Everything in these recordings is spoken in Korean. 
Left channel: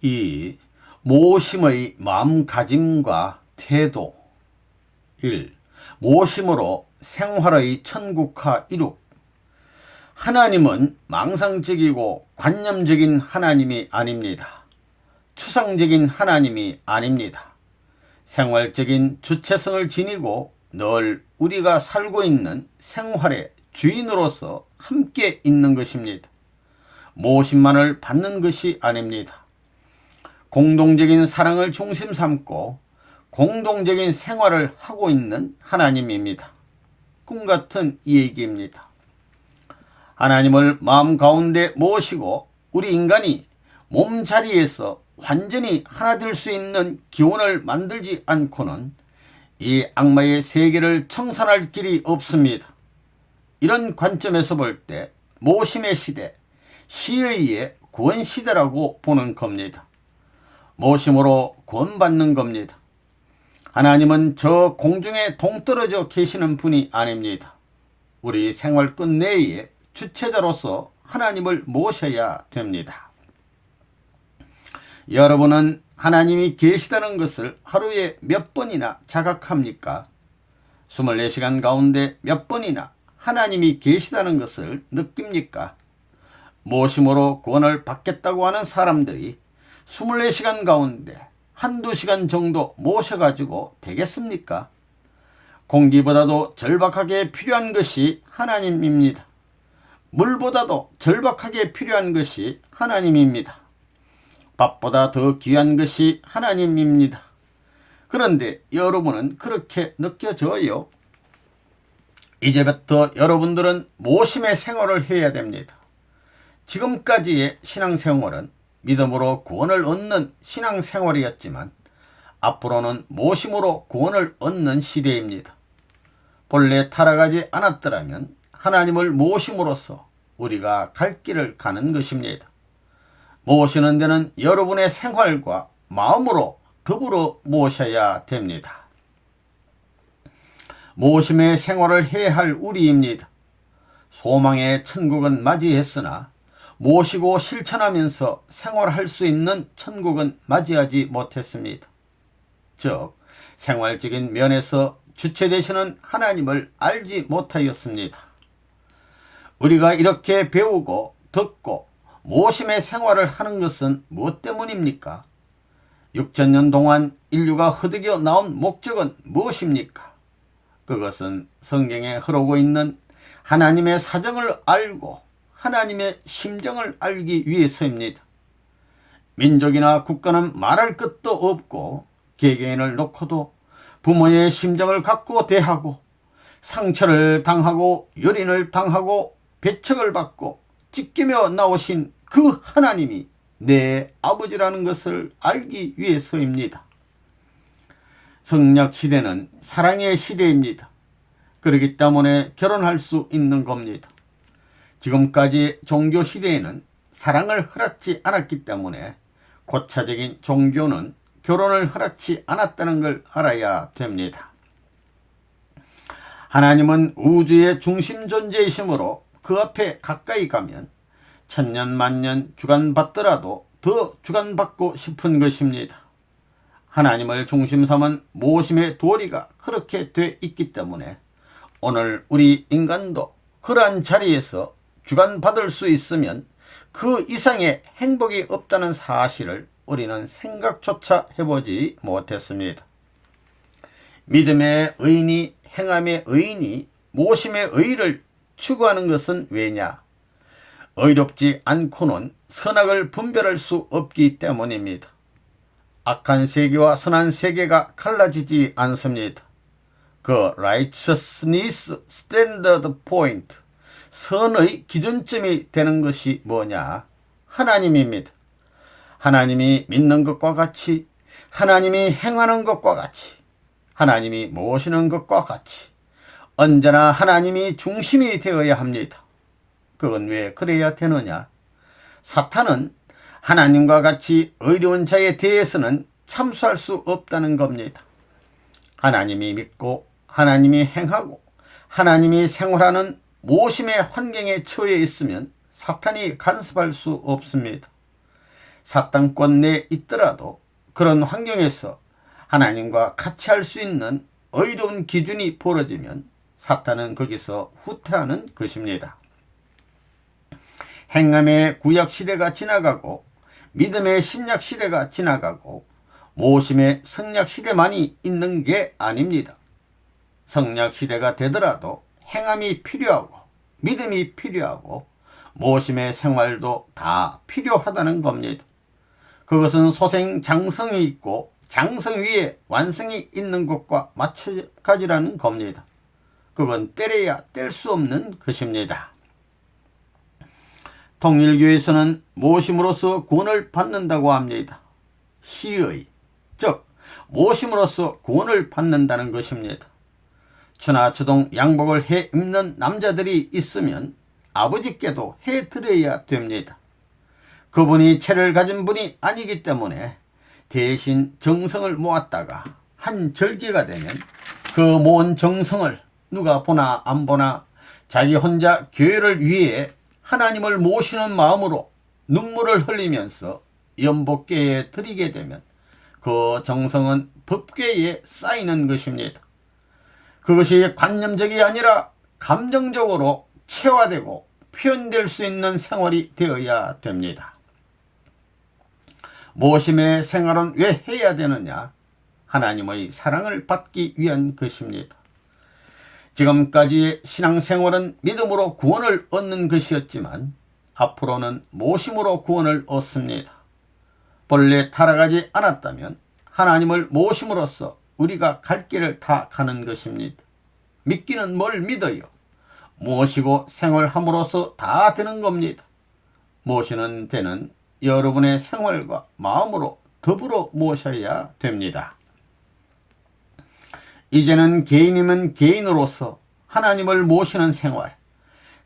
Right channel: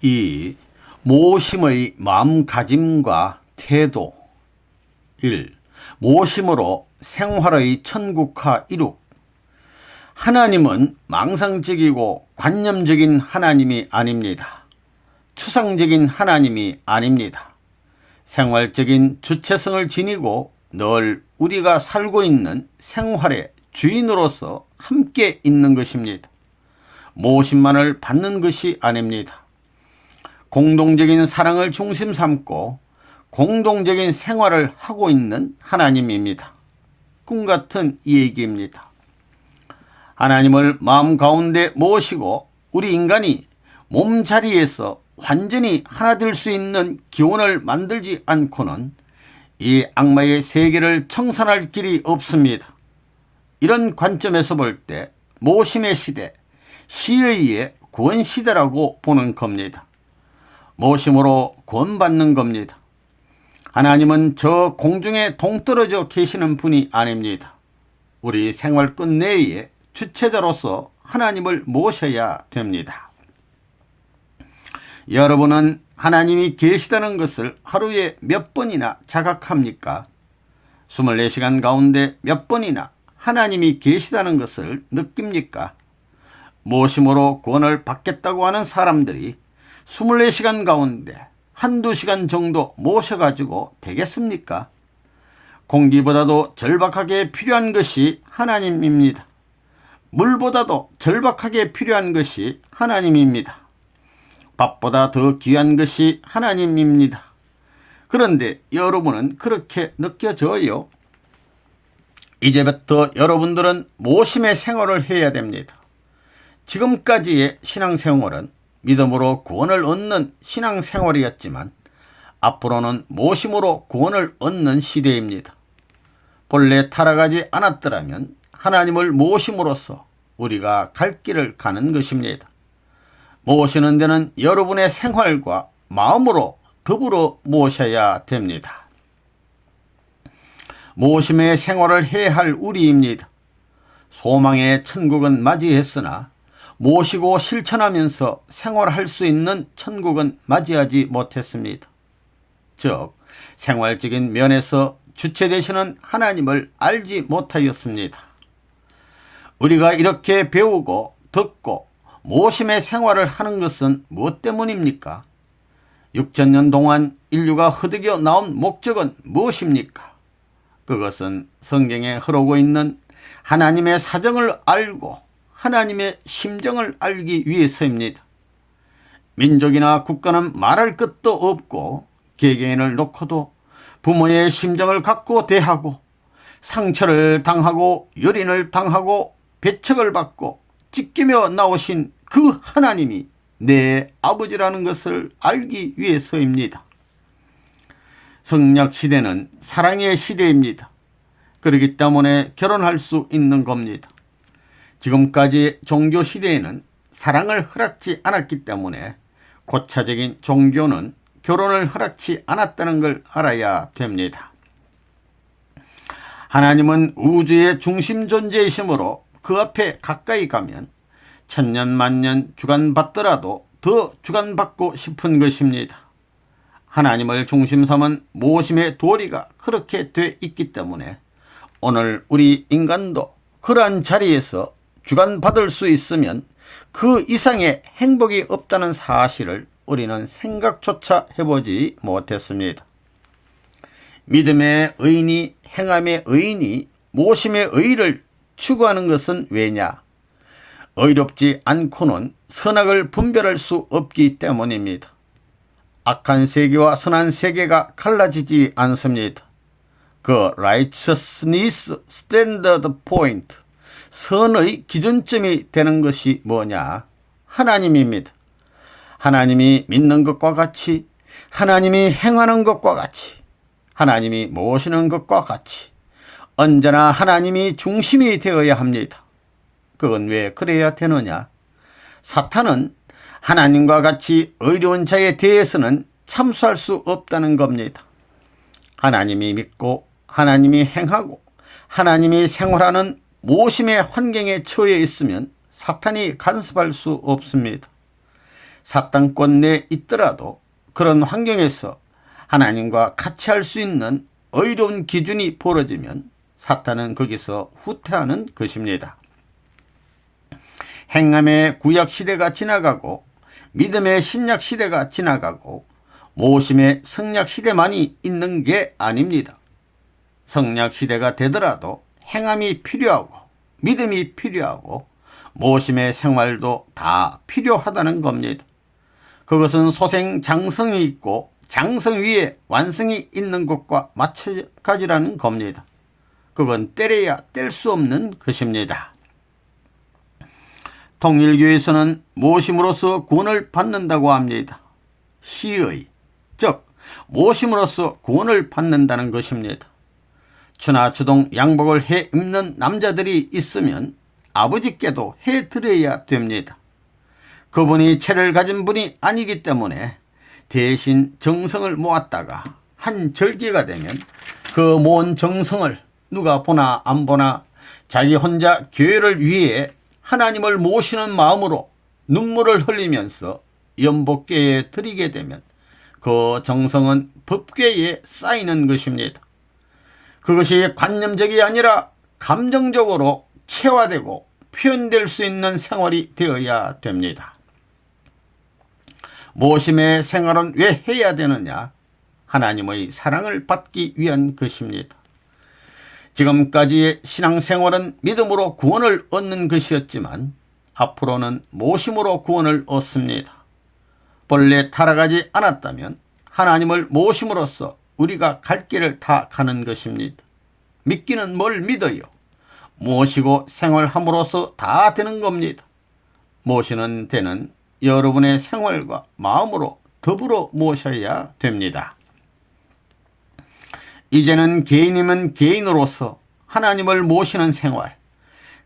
2. 모심의 마음가짐과 태도. 1. 모심으로 생활의 천국화 이룩. 하나님은 망상적이고 관념적인 하나님이 아닙니다. 추상적인 하나님이 아닙니다. 생활적인 주체성을 지니고 늘 우리가 살고 있는 생활의 주인으로서 함께 있는 것입니다. 모심만을 받는 것이 아닙니다. 공동적인 사랑을 중심 삼고 공동적인 생활을 하고 있는 하나님입니다. 꿈같은 얘기입니다. 하나님을 마음 가운데 모시고 우리 인간이 몸자리에서 완전히 하나 될 수 있는 기원을 만들지 않고는 이 악마의 세계를 청산할 길이 없습니다. 이런 관점에서 볼 때 모심의 시대, 시의의 구원시대라고 보는 겁니다. 모심으로 구원받는 겁니다. 하나님은 저 공중에 동떨어져 계시는 분이 아닙니다. 우리 생활 끝내에 주체자로서 하나님을 모셔야 됩니다. 여러분은 하나님이 계시다는 것을 하루에 몇 번이나 자각합니까? 24시간 가운데 몇 번이나 하나님이 계시다는 것을 느낍니까? 모심으로 구원을 받겠다고 하는 사람들이 24시간 가운데 한두 시간 정도 모셔가지고 되겠습니까? 공기보다도 절박하게 필요한 것이 하나님입니다. 물보다도 절박하게 필요한 것이 하나님입니다. 밥보다 더 귀한 것이 하나님입니다. 그런데 여러분은 그렇게 느껴져요? 이제부터 여러분들은 모심의 생활을 해야 됩니다. 지금까지의 신앙생활은 믿음으로 구원을 얻는 신앙생활이었지만 앞으로는 모심으로 구원을 얻는 시대입니다. 본래 타락하지 않았더라면 하나님을 모심으로써 우리가 갈 길을 가는 것입니다. 모시는 데는 여러분의 생활과 마음으로 더불어 모셔야 됩니다. 모심의 생활을 해야 할 우리입니다. 소망의 천국은 맞이했으나 모시고 실천하면서 생활할 수 있는 천국은 맞이하지 못했습니다. 즉, 생활적인 면에서 주체 되시는 하나님을 알지 못하였습니다. 우리가 이렇게 배우고 듣고 모심의 생활을 하는 것은 무엇 때문입니까? 6천년 동안 인류가 허덕여 나온 목적은 무엇입니까? 그것은 성경에 흐르고 있는 하나님의 사정을 알고 하나님의 심정을 알기 위해서입니다. 민족이나 국가는 말할 것도 없고 개개인을 놓고도 부모의 심정을 갖고 대하고 상처를 당하고 요린을 당하고 배척을 받고 찢기며 나오신 그 하나님이 내 아버지라는 것을 알기 위해서입니다. 성약 시대는 사랑의 시대입니다. 그렇기 때문에 결혼할 수 있는 겁니다. 지금까지 종교 시대에는 사랑을 허락지 않았기 때문에 고차적인 종교는 결혼을 허락지 않았다는 걸 알아야 됩니다. 하나님은 우주의 중심 존재이시므로 그 앞에 가까이 가면 천년 만년 주관받더라도 더 주관받고 싶은 것입니다. 하나님을 중심 삼은 모심의 도리가 그렇게 돼 있기 때문에 오늘 우리 인간도 그러한 자리에서 주관받을 수 있으면 그 이상의 행복이 없다는 사실을 우리는 생각조차 해보지 못했습니다. 믿음의 의인이 행함의 의인이 모심의 의를 추구하는 것은 왜냐? 의롭지 않고는 선악을 분별할 수 없기 때문입니다. 악한 세계와 선한 세계가 갈라지지 않습니다. 그 righteousness standard point, 선의 기준점이 되는 것이 뭐냐? 하나님입니다. 하나님이 믿는 것과 같이, 하나님이 행하는 것과 같이, 하나님이 모시는 것과 같이 언제나 하나님이 중심이 되어야 합니다. 그건 왜 그래야 되느냐? 사탄은 하나님과 같이 의로운 자에 대해서는 참수할 수 없다는 겁니다. 하나님이 믿고 하나님이 행하고 하나님이 생활하는 모심의 환경에 처해 있으면 사탄이 간섭할 수 없습니다. 사탄권 내에 있더라도 그런 환경에서 하나님과 같이 할 수 있는 의로운 기준이 벌어지면 사탄은 거기서 후퇴하는 것입니다. 행함의 구약시대가 지나가고 믿음의 신약시대가 지나가고 모심의 성약시대만이 있는 게 아닙니다. 성약시대가 되더라도 행함이 필요하고 믿음이 필요하고 모심의 생활도 다 필요하다는 겁니다. 그것은 소생 장성이 있고 장성 위에 완성이 있는 것과 마찬가지라는 겁니다. 그건 때려야 뗄 수 없는 것입니다. 통일교에서는 모심으로써 구원을 받는다고 합니다. 시의, 즉 모심으로써 구원을 받는다는 것입니다. 추나추동 양복을 해 입는 남자들이 있으면 아버지께도 해드려야 됩니다. 그분이 채를 가진 분이 아니기 때문에 대신 정성을 모았다가 한 절기가 되면 그 모은 정성을 누가 보나 안 보나 자기 혼자 교회를 위해 하나님을 모시는 마음으로 눈물을 흘리면서 연복궤에 드리게 되면 그 정성은 법궤에 쌓이는 것입니다. 그것이 관념적이 아니라 감정적으로 체화되고 표현될 수 있는 생활이 되어야 됩니다. 모심의 생활은 왜 해야 되느냐? 하나님의 사랑을 받기 위한 것입니다. 지금까지의 신앙생활은 믿음으로 구원을 얻는 것이었지만 앞으로는 모심으로 구원을 얻습니다. 본래 타락하지 않았다면 하나님을 모심으로써 우리가 갈 길을 다 가는 것입니다. 믿기는 뭘 믿어요? 모시고 생활함으로써 다 되는 겁니다. 모시는 데는 여러분의 생활과 마음으로 더불어 모셔야 됩니다. 이제는 개인이면 개인으로서 하나님을 모시는 생활,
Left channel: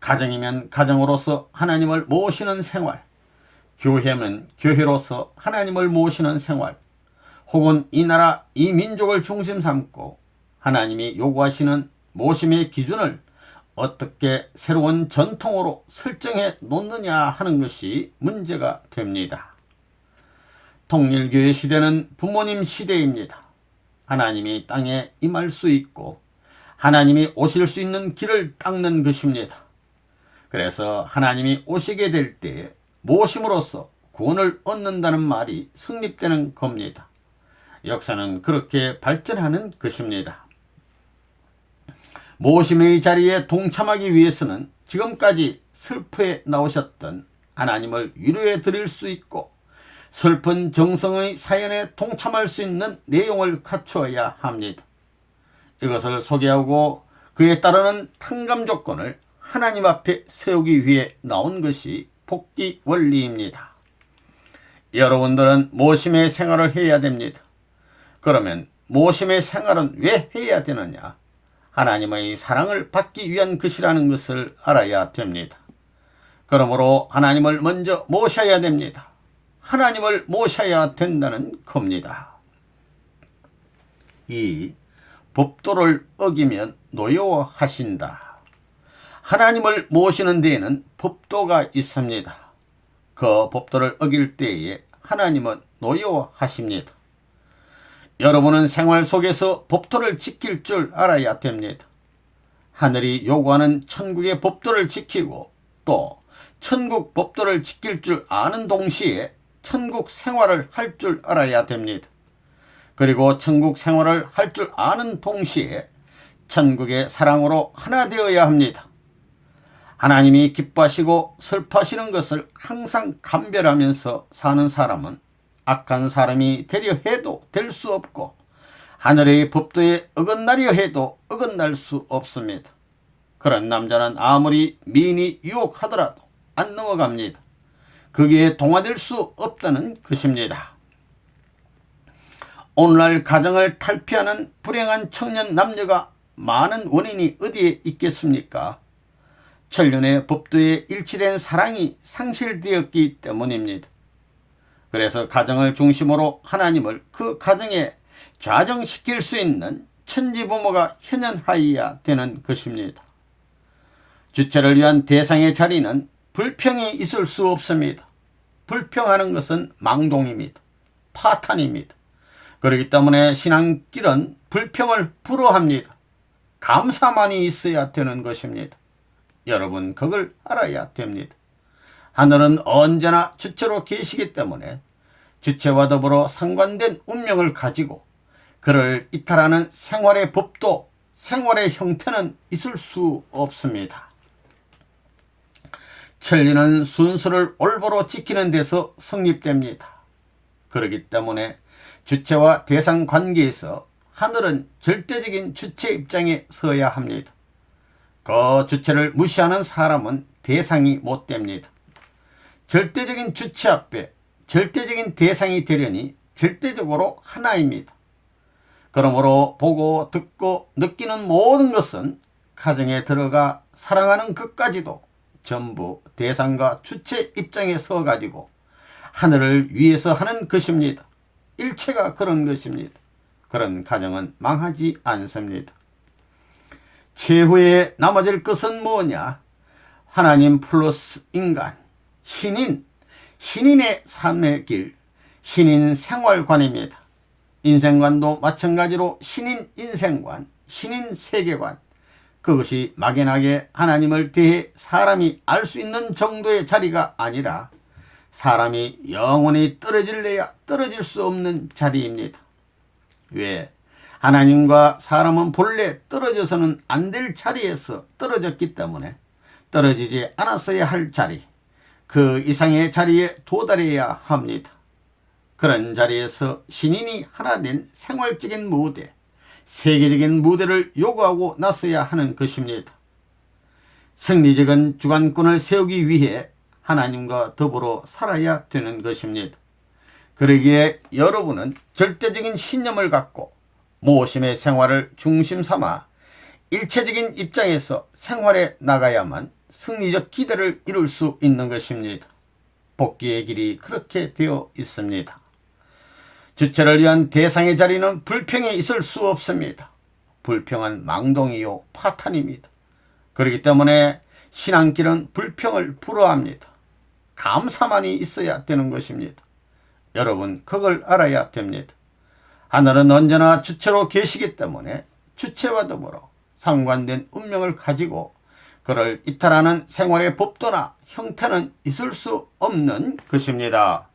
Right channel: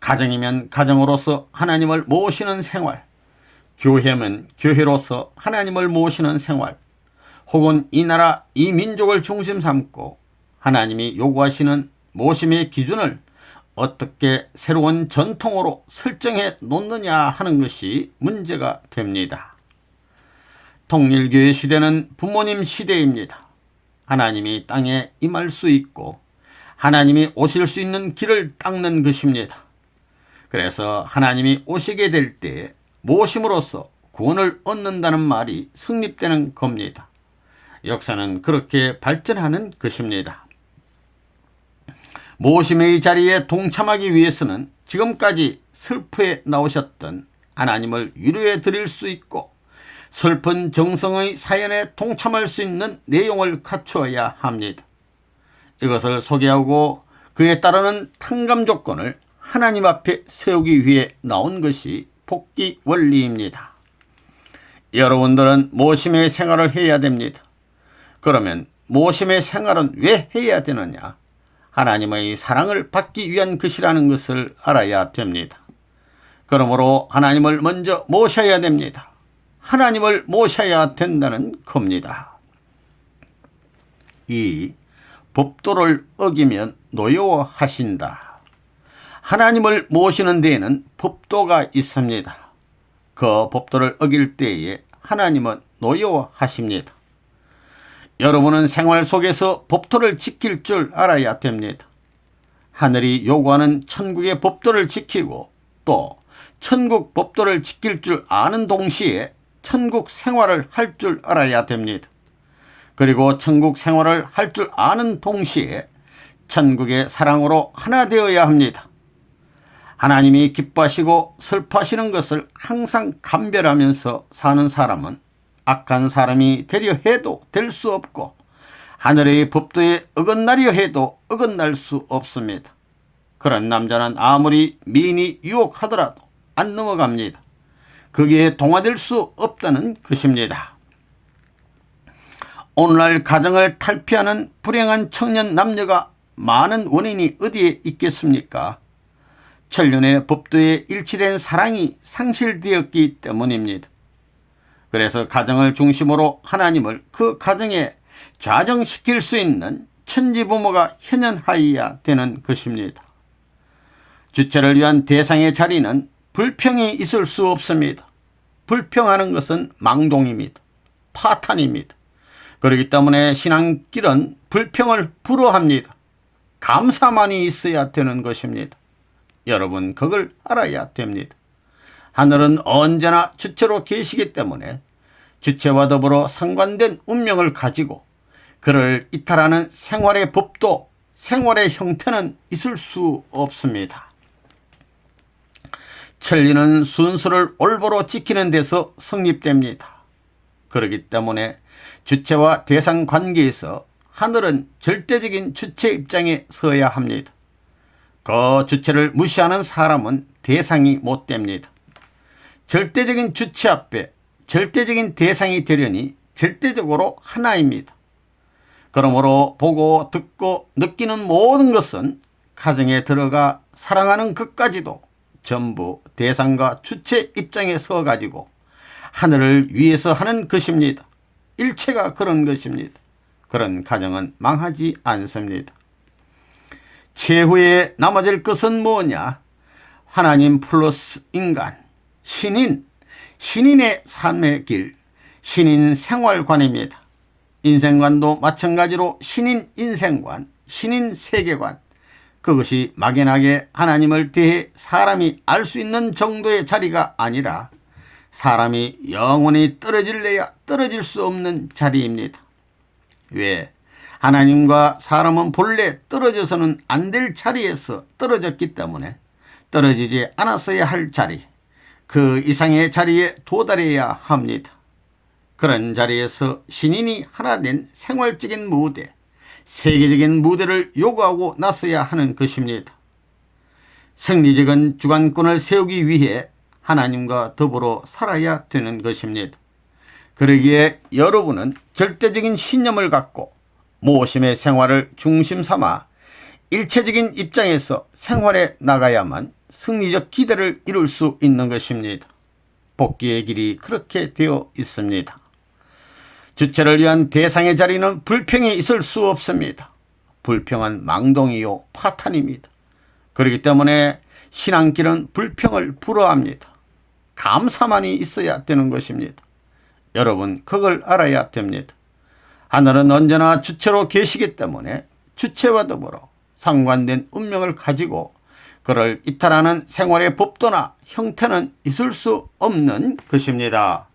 가정이면 가정으로서 하나님을 모시는 생활, 교회면 교회로서 하나님을 모시는 생활, 혹은 이 나라 이 민족을 중심 삼고 하나님이 요구하시는 모심의 기준을 어떻게 새로운 전통으로 설정해 놓느냐 하는 것이 문제가 됩니다. 통일교회 시대는 부모님 시대입니다. 하나님이 땅에 임할 수 있고 하나님이 오실 수 있는 길을 닦는 것입니다. 그래서 하나님이 오시게 될 때 모심으로써 구원을 얻는다는 말이 성립되는 겁니다. 역사는 그렇게 발전하는 것입니다. 모심의 자리에 동참하기 위해서는 지금까지 슬프에 나오셨던 하나님을 위로해 드릴 수 있고 슬픈 정성의 사연에 동참할 수 있는 내용을 갖추어야 합니다. 이것을 소개하고 그에 따르는 탕감 조건을 하나님 앞에 세우기 위해 나온 것이 복귀 원리입니다. 여러분들은 모심의 생활을 해야 됩니다. 그러면 모심의 생활은 왜 해야 되느냐? 하나님의 사랑을 받기 위한 것이라는 것을 알아야 됩니다. 그러므로 하나님을 먼저 모셔야 됩니다. 하나님을 모셔야 된다는 겁니다. 2. 법도를 어기면 노여워하신다. 하나님을 모시는 데에는 법도가 있습니다. 그 법도를 어길 때에 하나님은 노여워하십니다. 여러분은 생활 속에서 법도를 지킬 줄 알아야 됩니다. 하늘이 요구하는 천국의 법도를 지키고 또 천국 법도를 지킬 줄 아는 동시에 천국 생활을 할 줄 알아야 됩니다. 그리고 천국 생활을 할 줄 아는 동시에 천국의 사랑으로 하나 되어야 합니다. 하나님이 기뻐하시고 슬퍼하시는 것을 항상 감별하면서 사는 사람은 악한 사람이 되려 해도 될 수 없고 하늘의 법도에 어긋나려 해도 어긋날 수 없습니다. 그런 남자는 아무리 미인이 유혹하더라도 안 넘어갑니다. 거기에 동화될 수 없다는 것입니다. 오늘날 가정을 탈피하는 불행한 청년 남녀가 많은 원인이 어디에 있겠습니까? 천년의 법도에 일치된 사랑이 상실되었기 때문입니다. 그래서 가정을 중심으로 하나님을 그 가정에 좌정시킬 수 있는 천지부모가 현현하여야 되는 것입니다. 주체를 위한 대상의 자리는 불평이 있을 수 없습니다. 불평하는 것은 망동입니다. 파탄입니다. 그렇기 때문에 신앙길은 불평을 불허합니다. 감사만이 있어야 되는 것입니다. 여러분 그걸 알아야 됩니다. 하늘은 언제나 주체로 계시기 때문에 주체와 더불어 상관된 운명을 가지고 그를 이탈하는 생활의 법도 생활의 형태는 있을 수 없습니다. 천리는 순서를 올바로 지키는 데서 성립됩니다. 그렇기 때문에 주체와 대상 관계에서 하늘은 절대적인 주체 입장에 서야 합니다. 그 주체를 무시하는 사람은 대상이 못 됩니다. 절대적인 주체 앞에 절대적인 대상이 되려니 절대적으로 하나입니다. 그러므로 보고 듣고 느끼는 모든 것은 가정에 들어가 사랑하는 것까지도 전부 대상과 주체 입장에 서 가지고 하늘을 위해서 하는 것입니다. 일체가 그런 것입니다. 그런 가정은 망하지 않습니다. 최후에 남아질 것은 뭐냐? 하나님 플러스 인간, 신인의 삶의 길, 신인 생활관입니다. 인생관도 마찬가지로 신인 인생관, 신인 세계관, 그것이 막연하게 하나님을 대해 사람이 알 수 있는 정도의 자리가 아니라 사람이 영원히 떨어질래야 떨어질 수 없는 자리입니다. 왜? 하나님과 사람은 본래 떨어져서는 안 될 자리에서 떨어졌기 때문에 떨어지지 않았어야 할 자리, 그 이상의 자리에 도달해야 합니다. 그런 자리에서 신인이 하나 된 생활적인 무대, 세계적인 무대를 요구하고 나서야 하는 것입니다. 승리적인 주관권을 세우기 위해 하나님과 더불어 살아야 되는 것입니다. 그러기에 여러분은 절대적인 신념을 갖고 모심의 생활을 중심 삼아 일체적인 입장에서 생활해 나가야만 승리적 기대를 이룰 수 있는 것입니다. 복귀의 길이 그렇게 되어 있습니다. 주체를 위한 대상의 자리는 불평이 있을 수 없습니다. 불평은 망동이요 파탄입니다. 그렇기 때문에 신앙길은 불평을 불허합니다. 감사만이 있어야 되는 것입니다. 여러분 그걸 알아야 됩니다. 하늘은 언제나 주체로 계시기 때문에 주체와 더불어 상관된 운명을 가지고 그를 이탈하는 생활의 법도나 형태는 있을 수 없는 것입니다.